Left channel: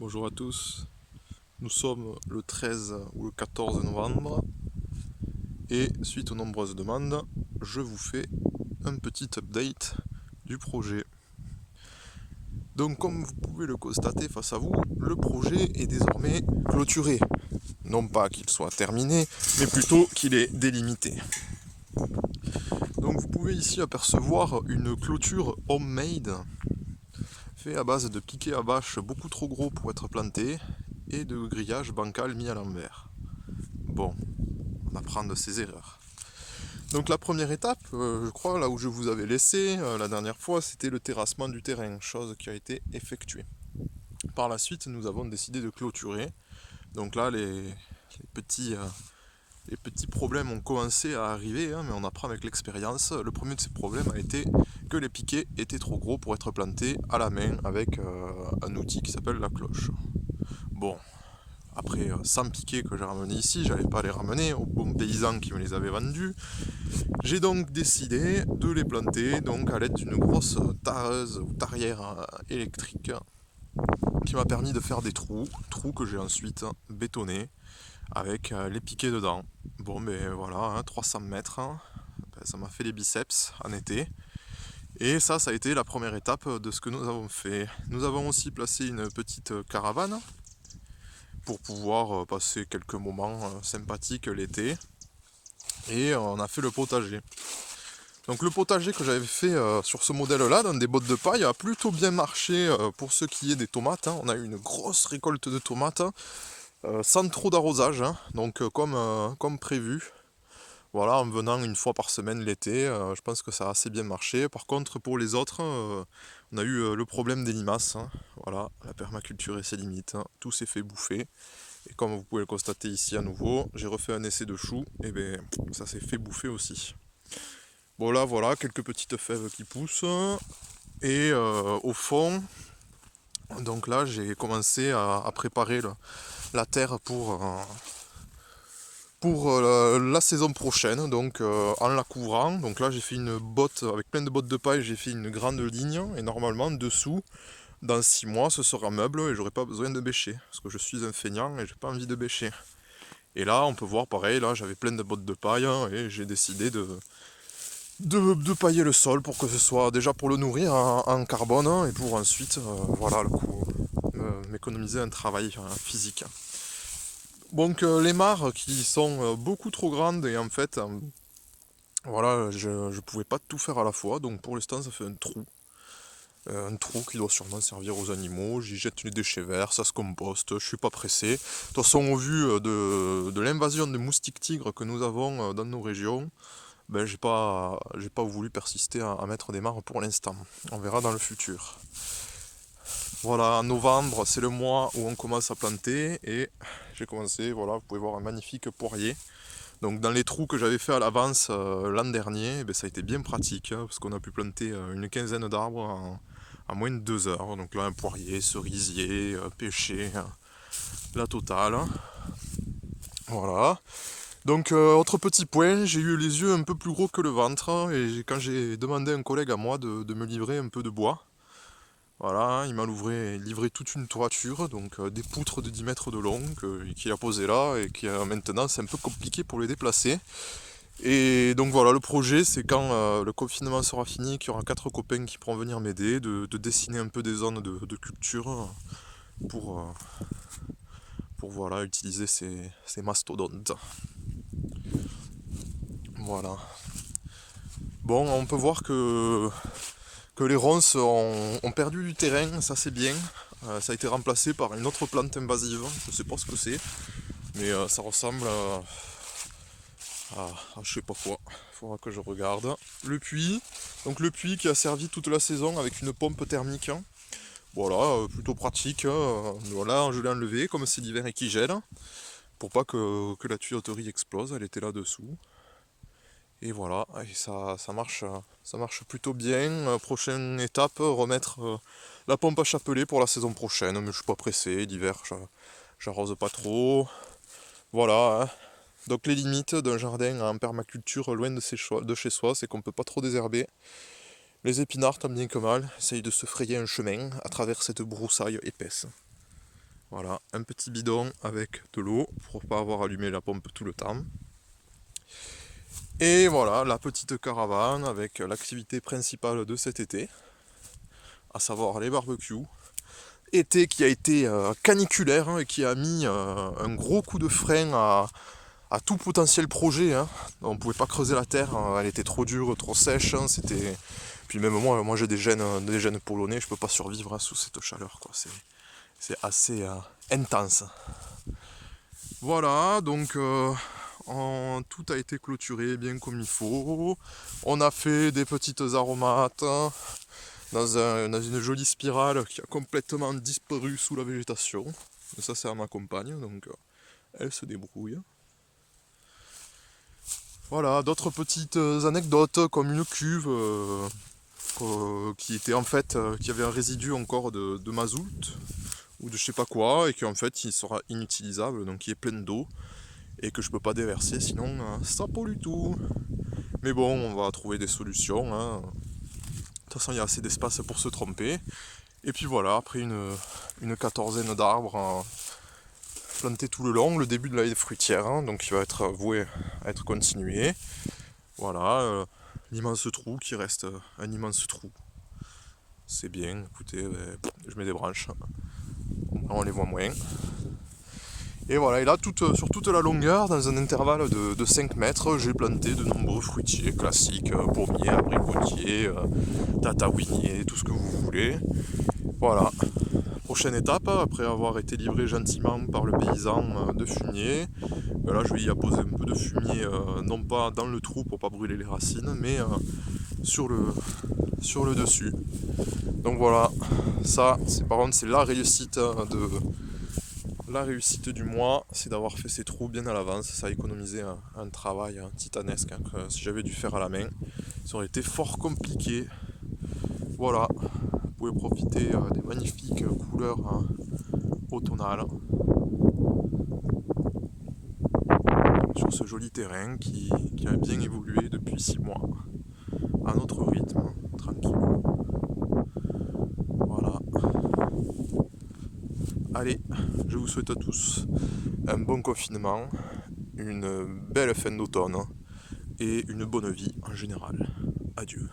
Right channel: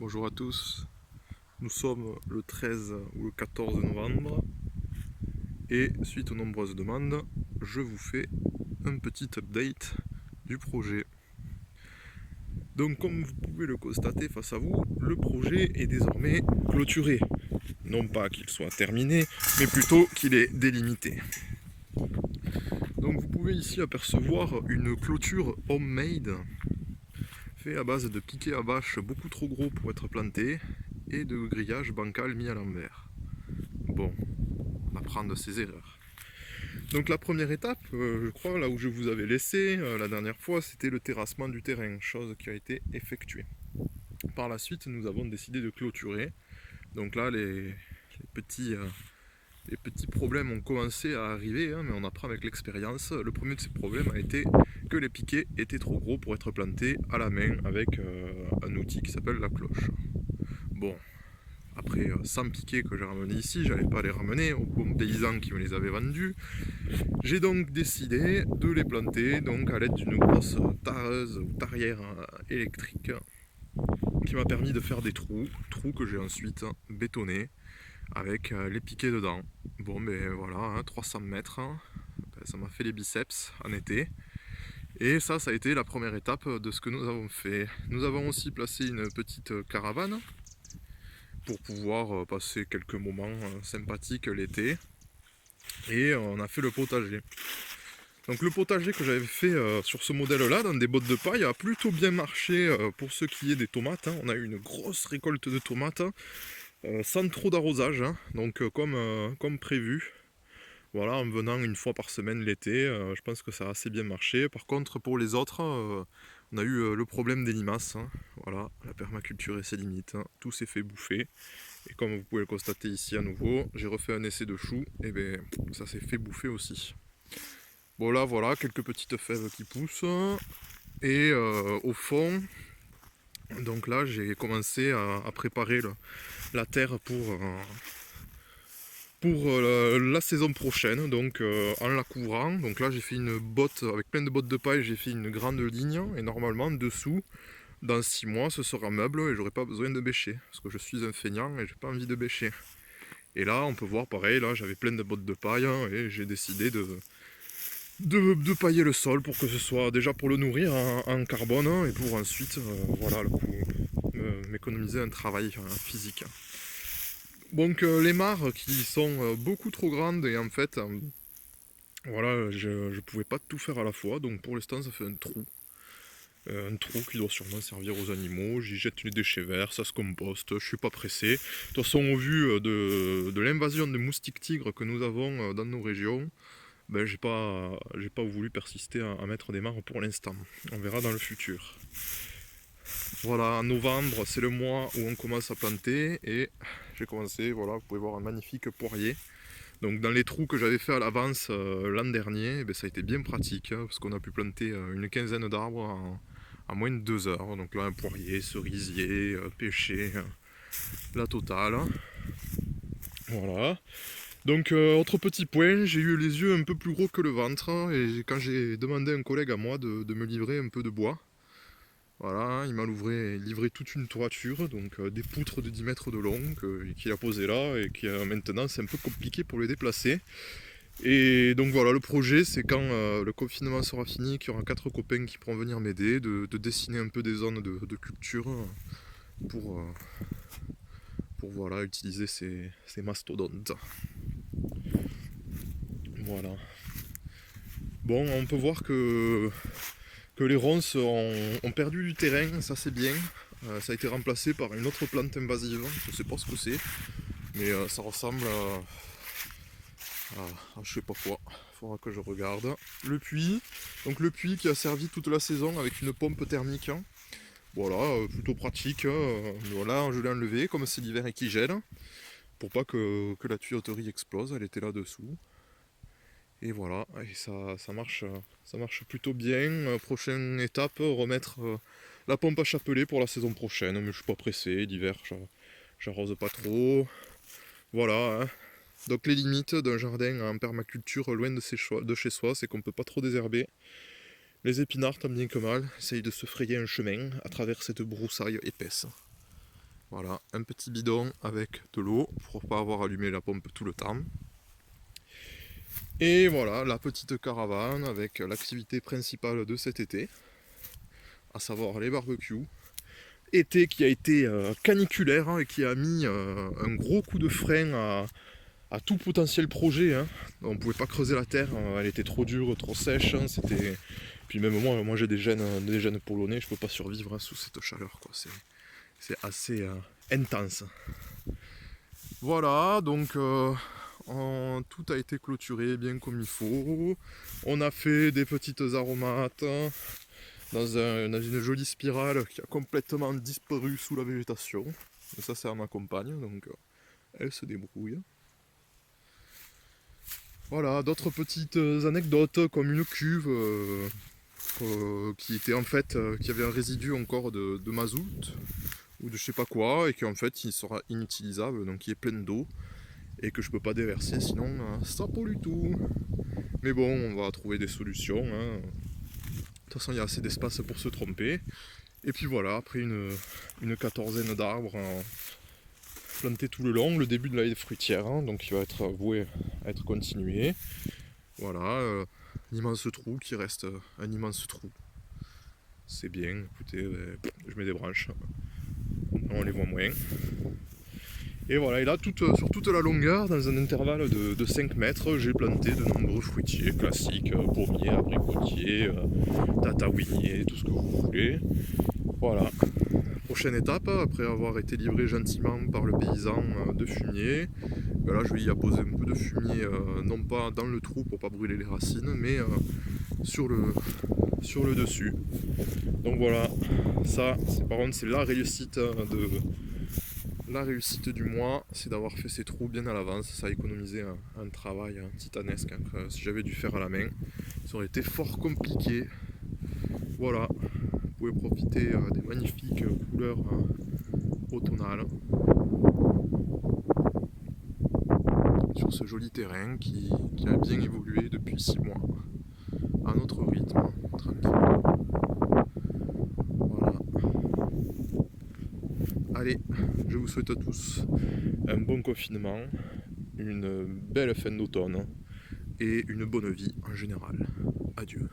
Bonjour à tous, nous sommes le 13 ou le 14 novembre et suite aux nombreuses demandes, je vous fais un petit update du projet. Donc comme vous pouvez le constater face à vous, le projet est désormais clôturé. Non pas qu'il soit terminé, mais plutôt qu'il est délimité. Donc vous pouvez ici apercevoir une clôture homemade fait à base de piquets à bâche beaucoup trop gros pour être plantés et de grillage bancal mis à l'envers. Bon, on apprend de ses erreurs. Donc la première étape, je crois, là où je vous avais laissé la dernière fois, c'était le terrassement du terrain, chose qui a été effectuée. Par la suite, nous avons décidé de clôturer. Donc là, les petits problèmes ont commencé à arriver, hein, mais on apprend avec l'expérience. Le premier de ces problèmes a été que les piquets étaient trop gros pour être plantés à la main avec un outil qui s'appelle la cloche. Bon, après 100 piquets que j'ai ramenés ici, j'allais pas les ramener aux bons paysans qui me les avaient vendus. J'ai donc décidé de les planter donc à l'aide d'une grosse tareuse ou tarière électrique qui m'a permis de faire des trous que j'ai ensuite bétonnés avec les piquets dedans. Bon ben voilà, hein, 300 mètres, hein, ben, ça m'a fait les biceps en été. Et ça a été la première étape de ce que nous avons fait. Nous avons aussi placé une petite caravane pour pouvoir passer quelques moments sympathiques l'été. Et on a fait le potager. Donc le potager que j'avais fait sur ce modèle-là, dans des bottes de paille, a plutôt bien marché pour ce qui est des tomates. Hein. On a eu une grosse récolte de tomates, sans trop d'arrosage, hein. Donc comme prévu. Voilà, en venant une fois par semaine l'été, je pense que ça a assez bien marché. Par contre, pour les autres, on a eu le problème des limaces. Hein. Voilà, la permaculture et ses limites. Hein. Tout s'est fait bouffer. Et comme vous pouvez le constater ici à nouveau, j'ai refait un essai de chou, et bien ça s'est fait bouffer aussi. Bon là voilà, quelques petites fèves qui poussent. Et au fond, donc là j'ai commencé à préparer la terre pour la saison prochaine, donc en la couvrant. Donc là j'ai fait une botte, avec plein de bottes de paille, j'ai fait une grande ligne, et normalement dessous, dans 6 mois, ce sera meuble et j'aurai pas besoin de bêcher, parce que je suis un feignant et j'ai pas envie de bêcher. Et là on peut voir pareil, là j'avais plein de bottes de paille, hein, et j'ai décidé de pailler le sol pour que ce soit déjà pour le nourrir en carbone, hein, et pour ensuite voilà le coup m'économiser un travail physique. Donc les mares qui sont beaucoup trop grandes et en fait voilà je pouvais pas tout faire à la fois, donc pour l'instant ça fait un trou qui doit sûrement servir aux animaux. J'y jette les déchets verts, ça se composte, je suis pas pressé. De toute façon au vu de l'invasion des moustiques tigres que nous avons dans nos régions, ben, j'ai pas voulu persister à mettre des mares pour l'instant. On verra dans le futur. Voilà, en novembre, c'est le mois où on commence à planter et j'ai commencé, voilà, vous pouvez voir un magnifique poirier. Donc dans les trous que j'avais fait à l'avance l'an dernier, ben, ça a été bien pratique, hein, parce qu'on a pu planter une quinzaine d'arbres en moins de 2 heures. Donc là, un poirier, cerisier, pêcher, hein, la totale. Voilà. Donc autre petit point, j'ai eu les yeux un peu plus gros que le ventre, hein, et quand j'ai demandé à un collègue à moi de me livrer un peu de bois, voilà, hein, il m'a livré toute une toiture, donc des poutres de 10 mètres de long qu'il a posé là et qui maintenant c'est un peu compliqué pour les déplacer. Et donc voilà, le projet c'est quand le confinement sera fini, qu'il y aura 4 copains qui pourront venir m'aider, de dessiner un peu des zones de culture pour, euh, pour voilà, utiliser ces mastodontes. Voilà. Bon, on peut voir que les ronces ont perdu du terrain, ça c'est bien. Ça a été remplacé par une autre plante invasive, je sais pas ce que c'est, mais ça ressemble à je sais pas quoi. Faudra que je regarde. Le puits, donc le puits qui a servi toute la saison avec une pompe thermique. Voilà, plutôt pratique. Voilà, je l'ai enlevé comme c'est l'hiver et qu'il gèle, pour pas que la tuyauterie explose, elle était là dessous. Et voilà, et ça marche plutôt bien. Prochaine étape, remettre la pompe à chapelet pour la saison prochaine, mais je suis pas pressé, l'hiver j'arrose pas trop. Voilà, hein. Donc les limites d'un jardin en permaculture loin de chez soi, c'est qu'on peut pas trop désherber. Les épinards, tant bien que mal, essayent de se frayer un chemin à travers cette broussaille épaisse. Voilà, un petit bidon avec de l'eau pour pas avoir allumé la pompe tout le temps. Et voilà, la petite caravane avec l'activité principale de cet été, à savoir les barbecues. Été qui a été caniculaire et qui a mis un gros coup de frein à tout potentiel projet. On pouvait pas creuser la terre, elle était trop dure, trop sèche. C'était... Puis même moi j'ai des gènes polonais, je peux pas survivre sous cette chaleur, quoi. C'est assez intense. Voilà, donc tout a été clôturé bien comme il faut. On a fait des petites aromates dans une jolie spirale qui a complètement disparu sous la végétation. Et ça c'est à ma compagne, donc elle se débrouille. Voilà, d'autres petites anecdotes comme une cuve qui était en fait, qui avait un résidu encore de mazout ou de je sais pas quoi, et qui en fait il sera inutilisable, donc qui est plein d'eau et que je peux pas déverser, sinon ça pollue tout. Mais bon, on va trouver des solutions. De toute façon, il y a assez d'espace pour se tromper. Et puis voilà, après une quatorzaine d'arbres plantés tout le long, le début de la haie fruitière, donc qui va être voué à être continué. Voilà, l'immense trou qui reste un immense trou. C'est bien, écoutez, je mets des branches, on les voit moins. Et voilà, et là, sur toute la longueur, dans un intervalle de 5 mètres, j'ai planté de nombreux fruitiers classiques, pommiers, abricotiers, tatawiniers, tout ce que vous voulez. Voilà. Prochaine étape, après avoir été livré gentiment par le paysan de fumier, là je vais y apposer un peu de fumier, non pas dans le trou pour pas brûler les racines, mais sur le dessus. Donc voilà, ça, par contre, c'est la réussite du mois, c'est d'avoir fait ces trous bien à l'avance. Ça a économisé un travail titanesque. Si j'avais dû faire à la main, ça aurait été fort compliqué. Voilà, vous pouvez profiter des magnifiques couleurs automnales sur ce joli terrain qui a bien évolué depuis 6 mois, à notre rythme, tranquille. Voilà. Allez, je vous souhaite à tous un bon confinement, une belle fin d'automne et une bonne vie en général. Adieu.